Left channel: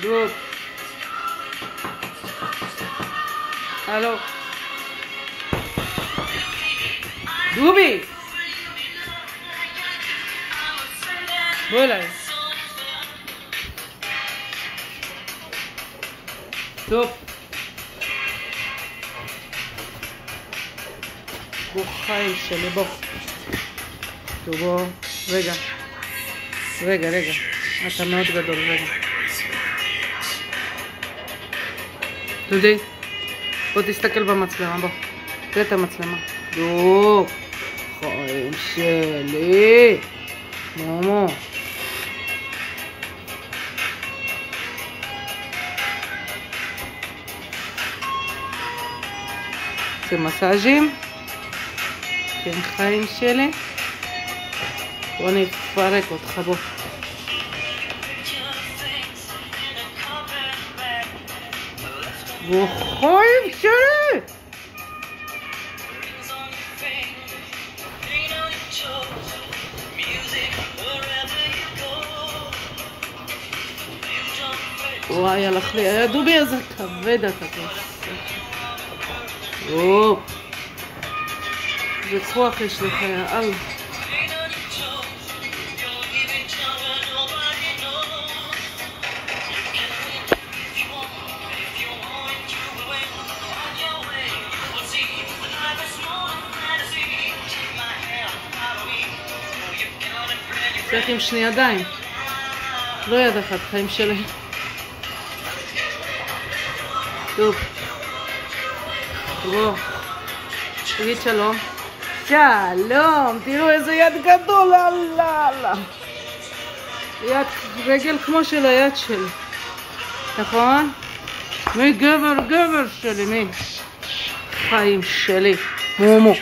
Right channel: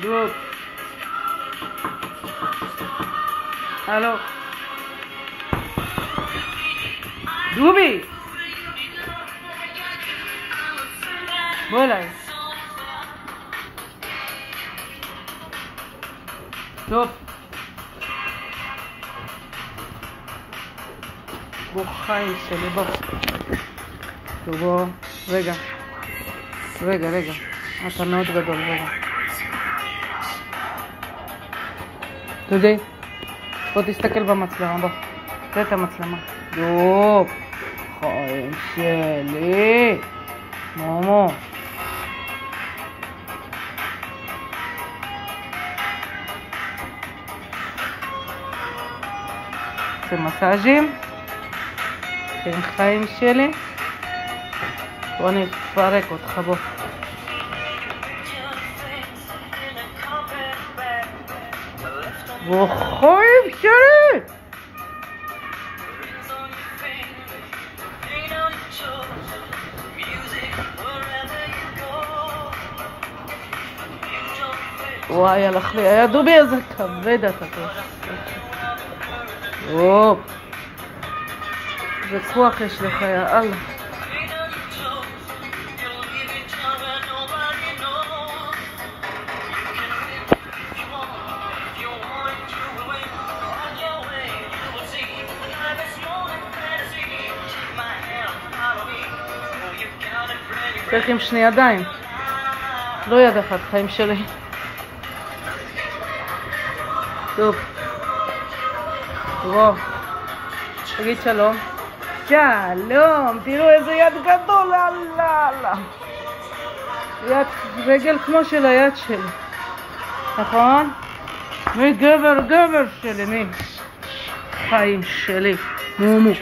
דוב. הלו. דובי! בוא אליי. טוב. בוא חיים שלי, בוא. טוב, בוא. רגע. אתה מאוד גדול, רגע. דודי, בוא תסתכל במצלמה, בוא. תראה את המצלמה. דוב. חיים שלי. מומו. זה מסאז'ים. כן, חיים שלי. בוא נפרק אותך, בוא. בוא חיים שלי. וואי, הלך לי, היה דובי איזה כבד אתה טוב. אופ. איזה כוח יש לך, יאללה. צריך עם שני ידיים. לא יד אחת, חיים שלי. טוב. בוא. תגיד שלום. שלום. תראו איזה יד גדול. אללה. יד רגל כמו של היד שלי. נכון? מי גבר שלי, מי? חיים שלי. מומו.